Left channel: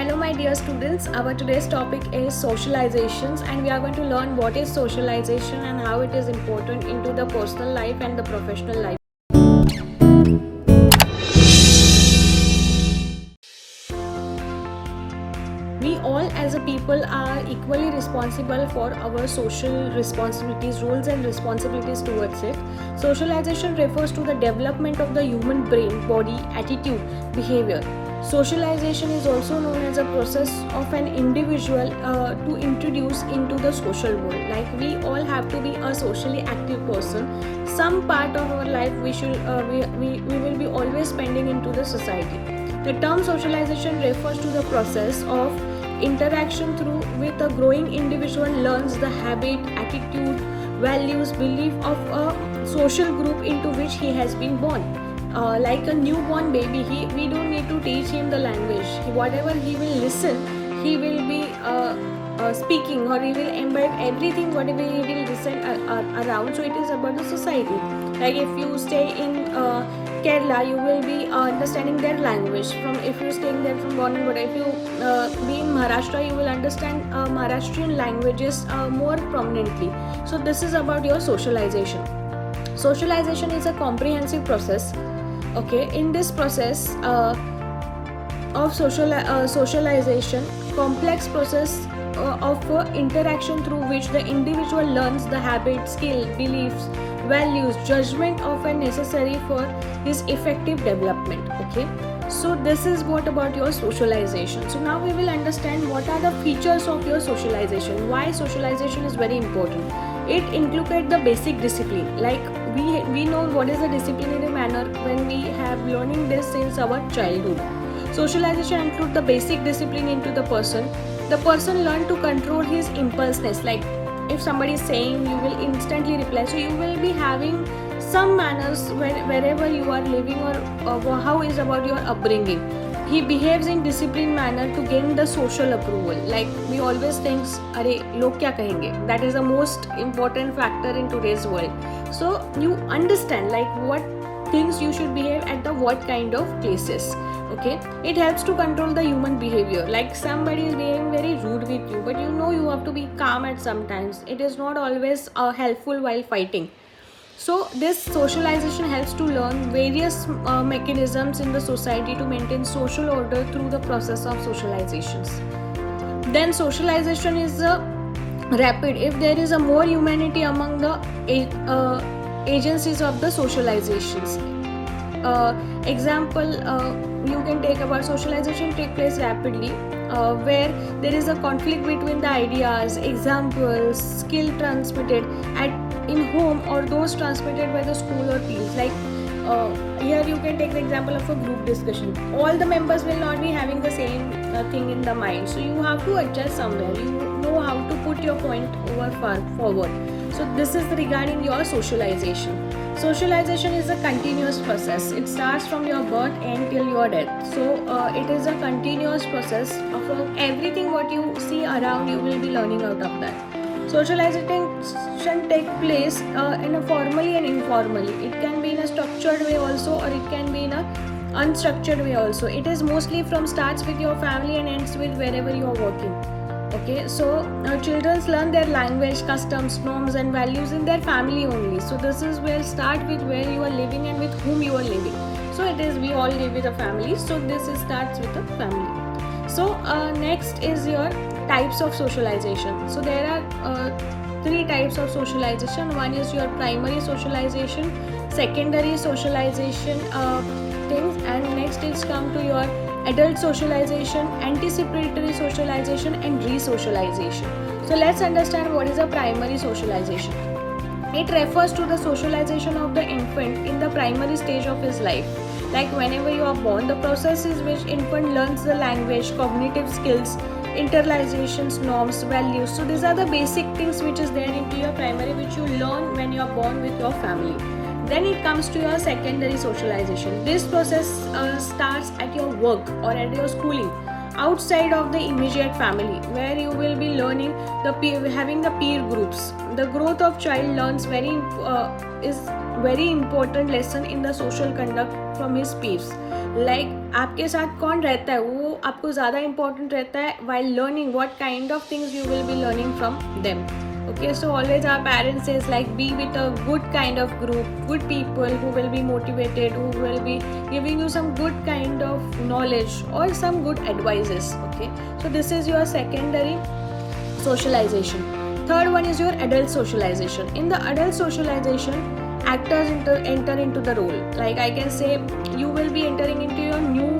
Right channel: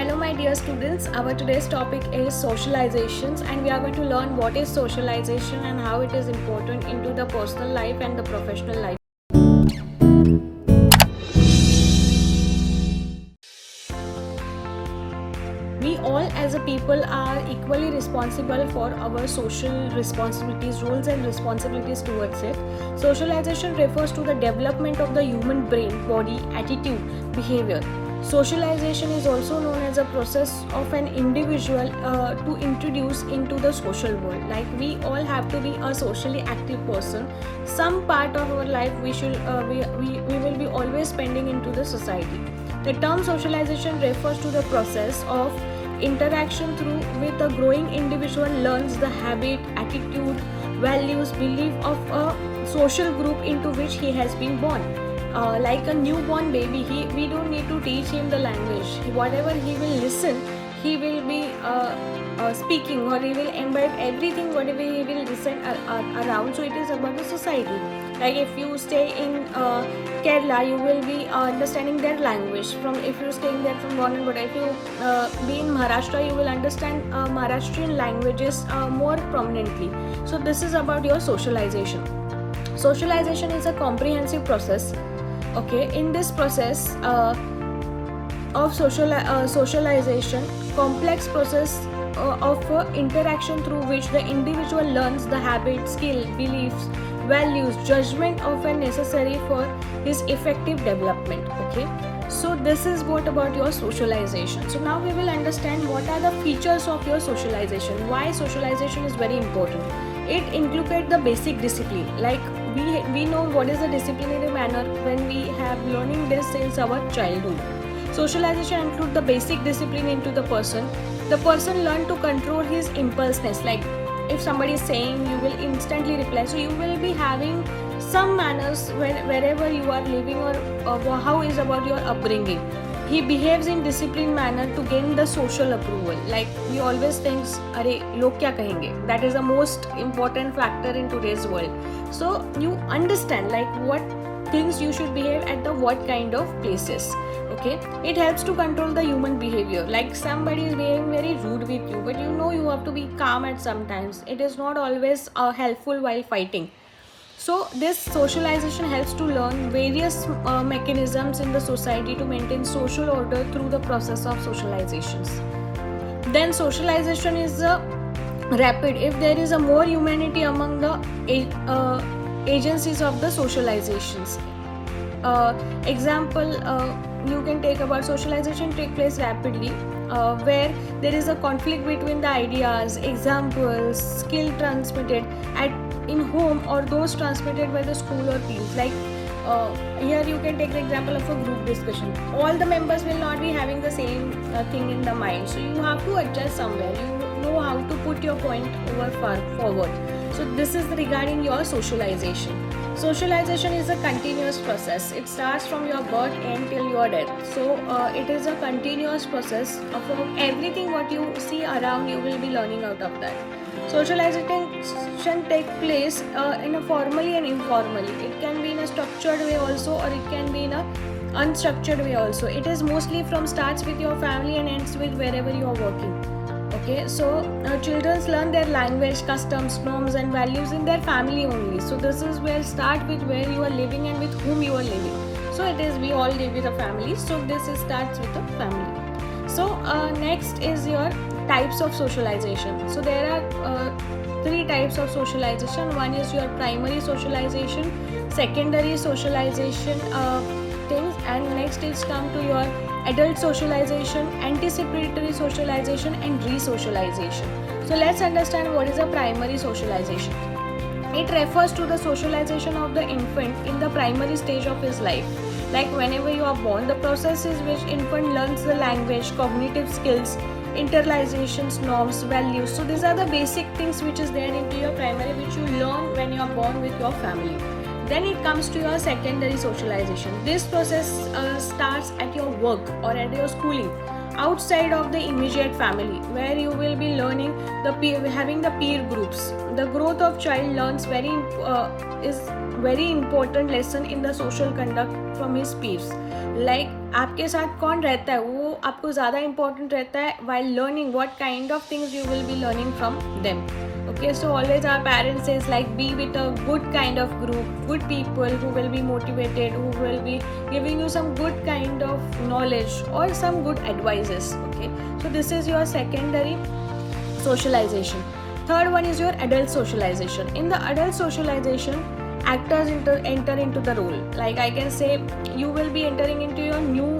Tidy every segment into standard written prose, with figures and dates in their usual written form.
Hello my dear students, our today's topic is socializations and we are going to learn what is socialization and how it is important into the personal life and the professional life. We all as a people are equally responsible for our social responsibilities, roles and responsibilities towards it. Socialization refers to the development of the human brain, body, attitude, behavior. Socialization is also known as a process of an individual to introduce into the social world. Like we all have to be a socially active person. Some part of our life we will be always spending into the society. The term socialization refers to the process of interaction through which a growing individual learns the habit, attitude, values, belief of a social group into which he has been born. Like a newborn baby, we don't need to teach him the language. Whatever he will listen, he will be speaking, or he will embed everything whatever he will listen around. So it is about the society. Like if you stay in Kerala, you will be understanding their language. From if you're staying there from morning, but if you be in Maharashtra, you will understand Maharashtrian languages more prominently. So this is about your socialization. Socialization is a comprehensive process. Okay, in this process of socialization, complex process of interaction through which the individual learns the habits, skill, beliefs, values, judgment often necessary for his effective development. Okay, so this is what about your socialization. So now we will understand what are the features of your socialization, why socialization is very important. It included the basic discipline. Like we know what is the disciplinary manner when we have learning this since our childhood. Socialization includes the basic discipline into the person. The person learn to control his impulsiveness. Like if somebody is saying, you will instantly reply. So you will be having some manners wherever you are living, or how is about your upbringing. He behaves in disciplined manner to gain the social approval. Like we always think, "Arey, log kya kahenge?" That is the most important factor in today's world. So you understand like what things you should behave at the what kind of places. Okay, it helps to control the human behavior. Like somebody is behaving very rude with you, but you have to be calm at sometimes. It is not always helpful while fighting. So this socialization helps to learn various mechanisms in the society to maintain social order through the process of socializations. Then socialization is rapid if there is a more humanity among the agencies of the socializations. Example, you can take about socialization take place rapidly where there is a conflict between the ideas, examples, skill transmitted in home or those transmitted by the school or peers. Like here you can take the example of a group discussion. All the members will not be having the same thing in the mind, so you have to adjust somewhere. You know how to put your point forward. So this is regarding your socialization. Socialization is a continuous process. It starts from your birth until your death. So it is a continuous process of everything what you see around. You will be learning out of that. Socialization take place in a formally and informally. It can be in a structured way also, or it can be in a unstructured way also. It is mostly from starts with your family and ends with wherever you are working. Okay, so children learn their language, customs, norms and values in their family only. So this is where start with where you are living and with whom you are living. So it is we all live with a family. So this starts with a family. So next is your types of socialization. So there are three types of socialization. One is your primary socialization, secondary socialization things, and next is come to your adult socialization, anticipatory socialization and re-socialization. So let's understand what is a primary socialization. It refers to the socialization of the infant in the primary stage of his life. Like whenever you are born, the process is which infant learns the language, cognitive skills, internalizations, norms, values. So these are the basic things which is there in your primary, which you learn when you are born with your family. Then it comes to your secondary socialization. This process starts at your work or at your schooling, outside of the immediate family, where you will be learning having the peer groups. The growth of child learns is very important lesson in the social conduct from his peers. Like आपके साथ कौन रहता है वो आपको ज़्यादा important रहता है while learning what kind of things you will be learning from them. Okay, so always our parents says like be with a good kind of group, good people who will be motivated, who will be giving you some good kind of knowledge or some good advices. Okay, so this is your secondary socialization. Third one is your adult socialization. In the adult socialization, actors enter into the role. Like I can say you will be entering into your new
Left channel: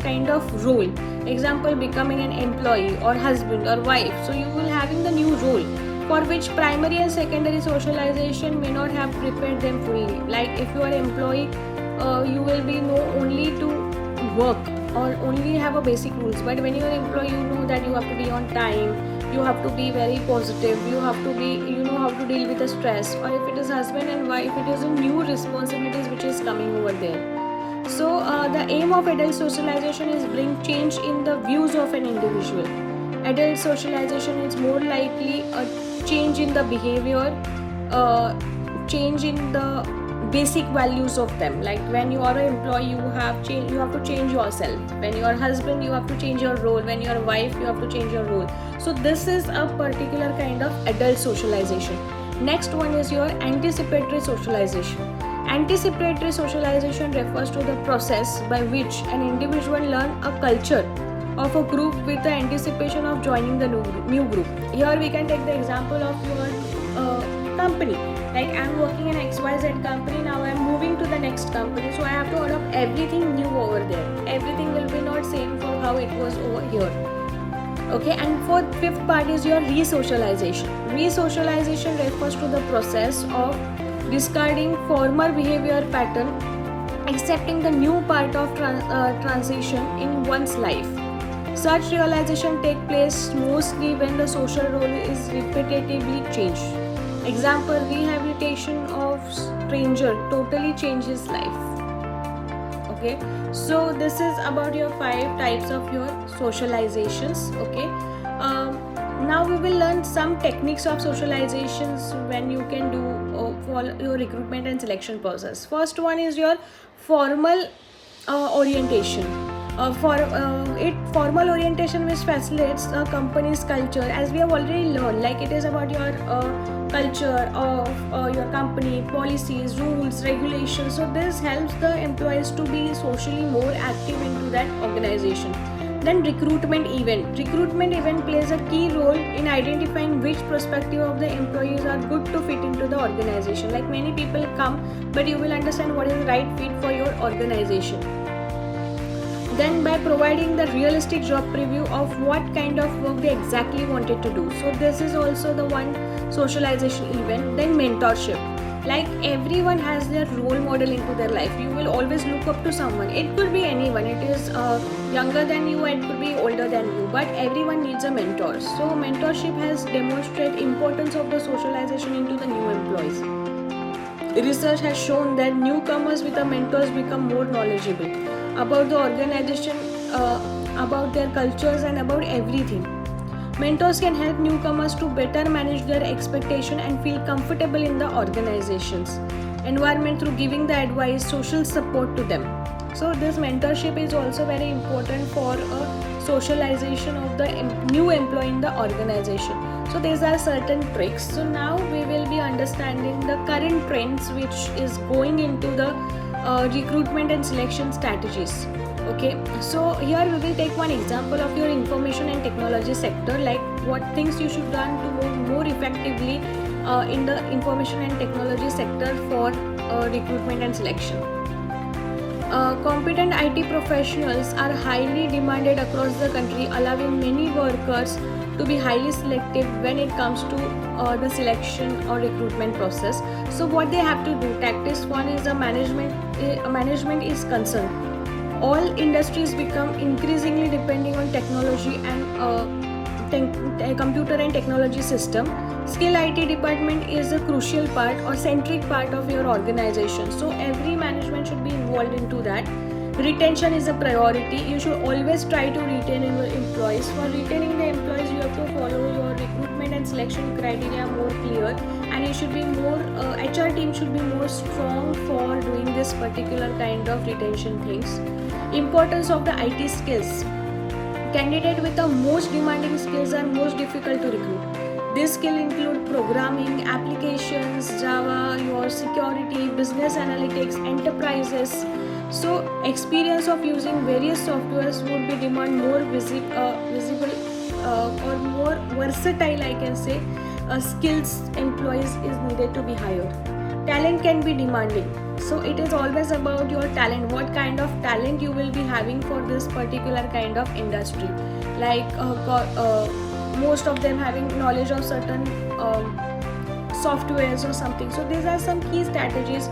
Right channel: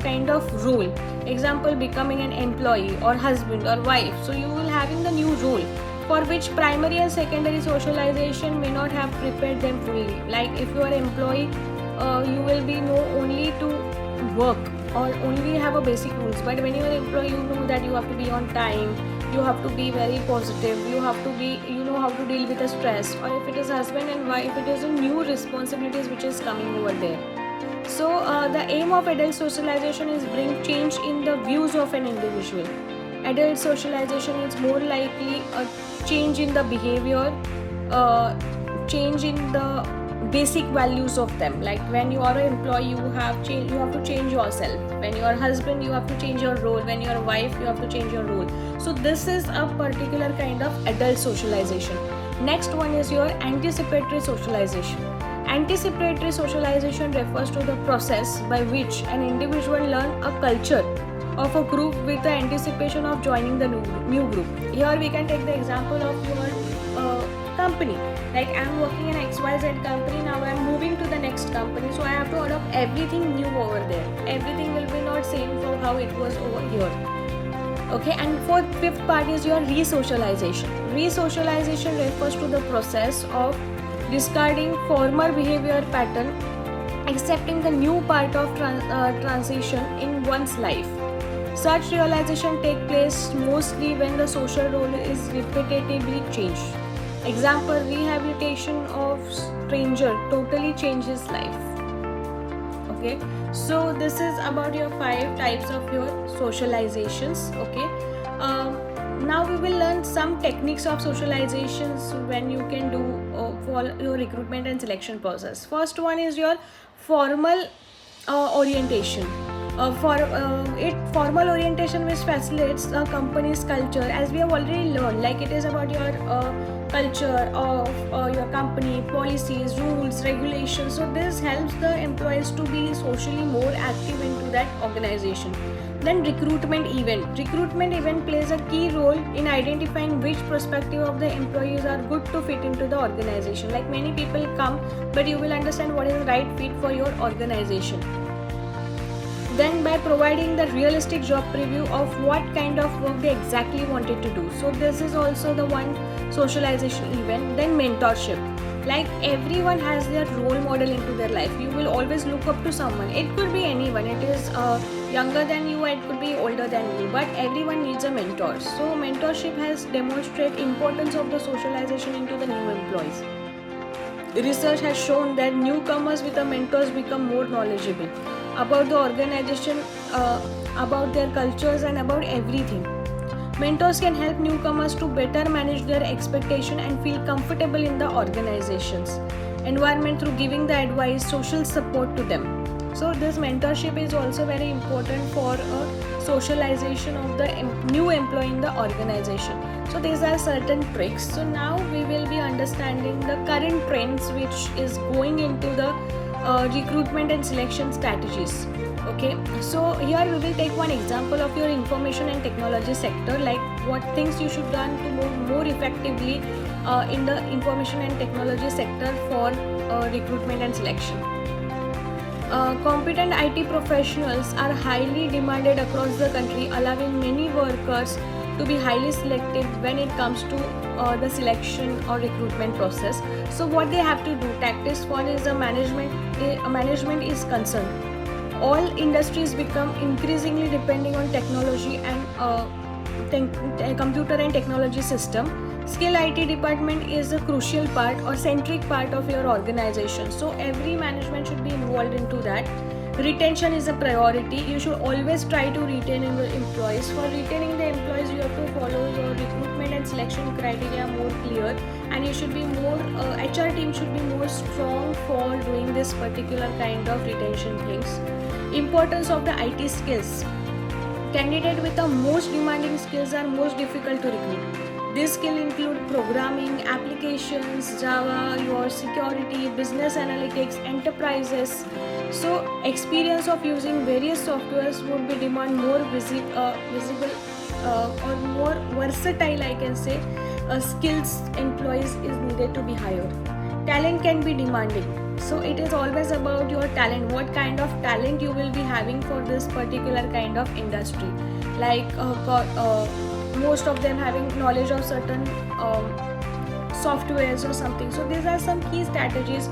kind of role. Example, becoming an employee or husband or wife. So you will having the new role for which primary and secondary socialization may not have prepared them fully. Like if you are an employee, you will be know only to work or only have a basic rules. But when you are an employee, you know that you have to be on time, you have to be very positive, you have to be, you know how to deal with the stress. Or if it is husband and wife, it is a new responsibilities which is coming over there. So the aim of adult socialization is bring change in the views of an individual. Adult socialization is more likely a change in the behavior, change in the basic values of them. Like when you are an employee, you have to change yourself. When you are a husband, you have to change your role. When you are a wife, you have to change your role. So this is a particular kind of adult socialization. Next one is your anticipatory socialization. Anticipatory socialization refers to the process by which an individual learns a culture of a group with the anticipation of joining the new group. Here we can take the example of your company. Like I am working in XYZ company, now I am moving to the next company, so I have to adopt everything new over there. Everything will be not same for how it was over here. Okay, and for fifth part is your re-socialization. Re-socialization refers to the process of discarding former behavior pattern, accepting the new part of transition in one's life. Such realization take place mostly when the social role is repetitively changed. Example, rehabilitation of stranger totally changes life. Okay, so this is about your 5 types of your socializations. Okay, now we will learn some techniques of socializations when you can do for your recruitment and selection process. First one is your formal orientation. Formal orientation which facilitates a company's culture, as we have already learned. Like it is about your culture of your company, policies, rules, regulations. So this helps the employees to be socially more active into that organization. Then recruitment event plays a key role in identifying which perspective of the employees are good to fit into the organization. Like many people come, but you will understand what is the right fit for your organization. Then by providing the realistic job preview of what kind of work they exactly wanted to do. So this is also the one socialization event. Then mentorship. Like everyone has their role model into their life. You will always look up to someone. It could be anyone. It is younger than you, it could be older than you, but everyone needs a mentor. So mentorship has demonstrated importance of the socialization into the new employees. Research has shown that newcomers with the mentors become more knowledgeable about the organization, about their cultures and about everything. Mentors can help newcomers to better manage their expectation and feel comfortable in the organization's environment through giving the advice, social support to them. So this mentorship is also very important for a socialization of the new employee in the organization. So these are certain tricks. So now we will be understanding the current trends which is going into the recruitment and selection strategies. Okay, so here we will take one example of your information and technology sector, like what things you should learn to move more effectively in the information and technology sector for recruitment and selection. Competent IT professionals are highly demanded across the country, allowing many workers to be highly selective when it comes to the selection or recruitment process. So what they have to do, tactics one is the management is concerned. All industries become increasingly depending on technology and computer and technology system. Skill IT department is a crucial part or centric part of your organization. So every management should be involved into that. Retention is a priority. You should always try to retain your employees. For retaining the employees, you have to follow your recruitment and selection criteria more clear, and you should be more HR team should be more strong for doing this particular kind of retention things. Importance of the IT skills. Candidate with the most demanding skills are most difficult to recruit. These skills include programming, applications, Java, your security, business analytics, enterprises. So experience of using various softwares would be demand more visible or more versatile, I can say, skills employees is needed to be hired. Talent can be demanding. So it is always about your talent, what kind of talent you will be having for this particular kind of industry. Like most of them having knowledge of certain softwares or something. So these are some key strategies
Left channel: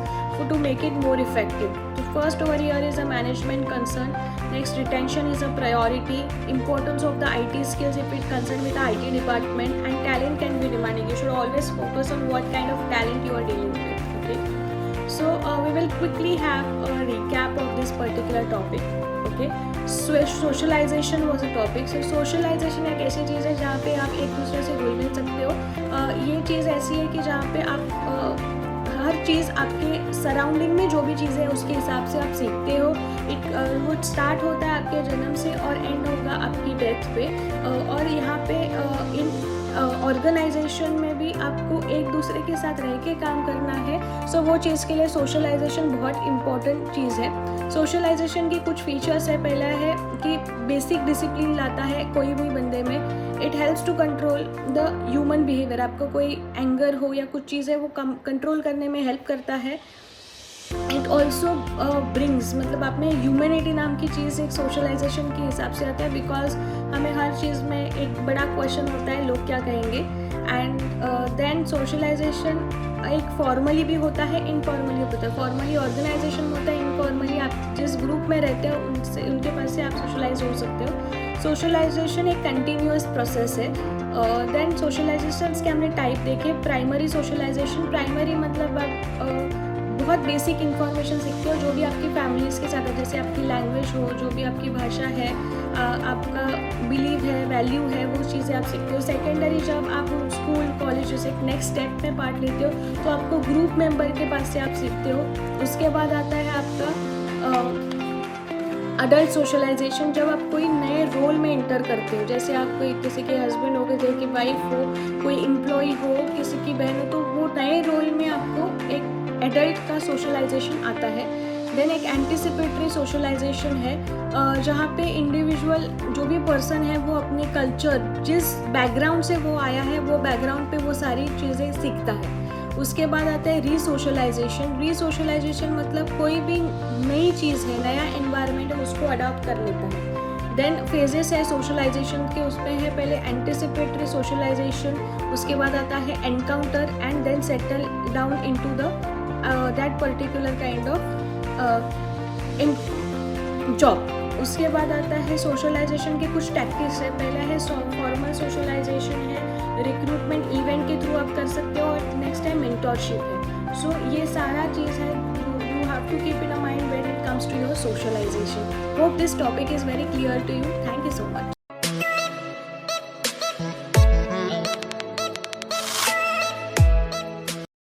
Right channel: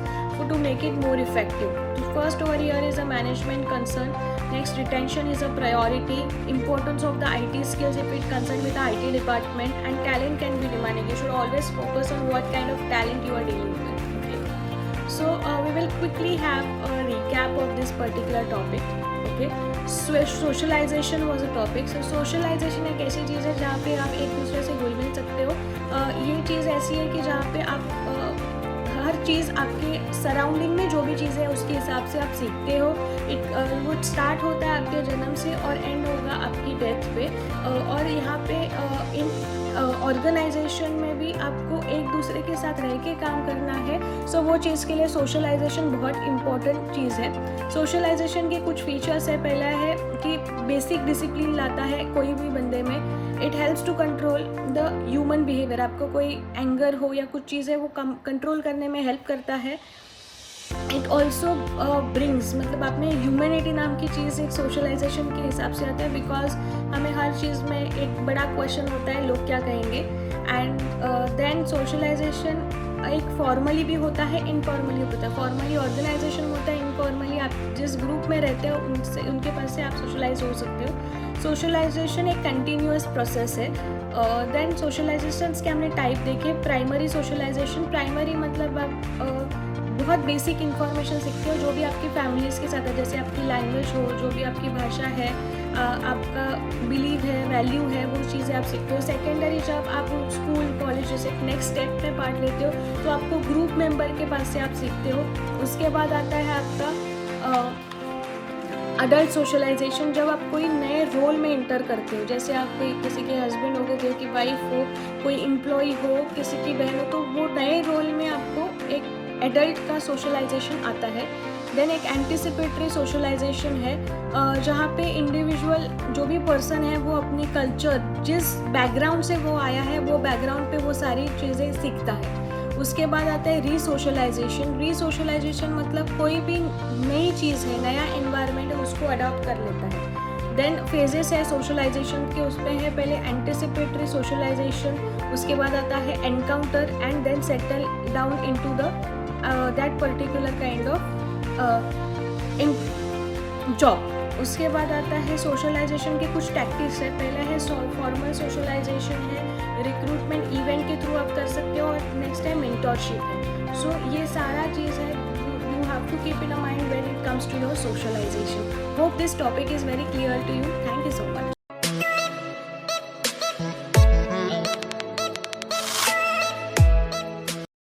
to make it more effective. The first over here is a management concern. Next, retention is a priority. Importance of the IT skills if it concerned with the IT department, and talent can be demanding. You should always focus on what kind of talent you are dealing with. Okay. So we will quickly have a recap of this particular topic. Okay. So socialisation was a topic. So socialisation एक ऐसी चीज़ है जहाँ पे आप एक दूसरे से घुल मिल सकते हो. ये चीज़ ऐसी है कि जहाँ पे आप हर चीज़ आपके सराउंडिंग में जो भी चीज़ है उसके हिसाब से आप सीखते हो. एक वो स्टार्ट होता है आपके जन्म से और एंड होगा आपकी डेथ पे. और यहाँ पे इन ऑर्गेनाइजेशन में भी आपको एक दूसरे के साथ रह के काम करना है. सो वो चीज़ के लिए सोशलाइजेशन बहुत इम्पोर्टेंट चीज़ है. सोशलाइजेशन के कुछ फीचर्स है. पहला है कि बेसिक डिसिप्लिन लाता है कोई भी बंदे में. It helps to control the human behaviour. आपको कोई एंगर हो या कुछ चीज़ है वो कंट्रोल करने में हेल्प करता है. इट ऑल्सो ब्रिंग्स, मतलब आप में ह्यूमैनिटी नाम की चीज़ एक सोशलाइजेशन के हिसाब से आता है. बिकॉज हमें हर चीज़ में एक बड़ा क्वेश्चन होता है लोग क्या कहेंगे. एंड देन सोशलाइजेशन एक फॉर्मली भी होता है, इनफॉर्मली होता है. फॉर्मली ऑर्गेनाइजेशन होता है, इनफॉर्मली आप जिस ग्रुप में रहते हो उनके पास से आप सोशलाइज हो सकते हो. सोशलाइजेशन एक कंटिन्यूअस प्रोसेस है. देन सोशलाइजेशन के हमने टाइप देखे. प्राइमरी सोशलाइजेशन, प्राइमरी मतलब आप बहुत बेसिक इन्फॉर्मेशन सीखते हो जो भी आपकी फैमिलीज़ के साथ है. जैसे आपकी लैंग्वेज हो, जो भी आपकी भाषा है, आपका बिलीव है, वैल्यू है, वो चीज़ें आप सीखते हो. सेकेंडरी जब आप स्कूल कॉलेज जैसे नेक्स्ट स्टेप में पार्ट लेते हो तो आपको ग्रुप मेंबर के पास से आप सीखते हो. उसके बाद आता है आपका अडल्ट सोशलाइजेशन. जब आप कोई नए रोल में इंटर करते हो, जैसे आप कोई किसी के हस्बैंड हो गए, किसी की वाइफ हो, कोई एम्प्लॉय हो, किसी की बहन हो, तो वो नए रोल में आपको एक एडल्ट का सोशलाइजेशन आता है. देन एक एंटिसिपेटरी सोशलाइजेशन है जहाँ पे इंडिविजुअल जो भी पर्सन है वो अपनी कल्चर, जिस बैकग्राउंड से वो आया है वो बैकग्राउंड पे वो सारी चीज़ें सीखता है. उसके बाद आता है रीसोशलाइजेशन. रीसोशलाइजेशन मतलब कोई भी नई चीज़ है, नया इन्वायरमेंट है, उसको अडॉप्ट कर लेता है. देन फेजेस है सोशलाइजेशन के. उसमें है पहले एंटिसिपेटरी सोशलाइजेशन, उसके बाद आता है encounter and then settle down into the that particular kind of job. उसके बाद आता है सोशलाइजेशन के कुछ टैक्टिक्स है. पहला है फॉर्मल सोशलाइजेशन है, रिक्रूटमेंट इवेंट के थ्रू आप कर सकते हो. और नेक्स्ट है मेंटरशिप है. सो ये सारा चीज़ है you have to keep in mind when it comes to your socialization. Hope this topic is very clear to you. Thank you so much.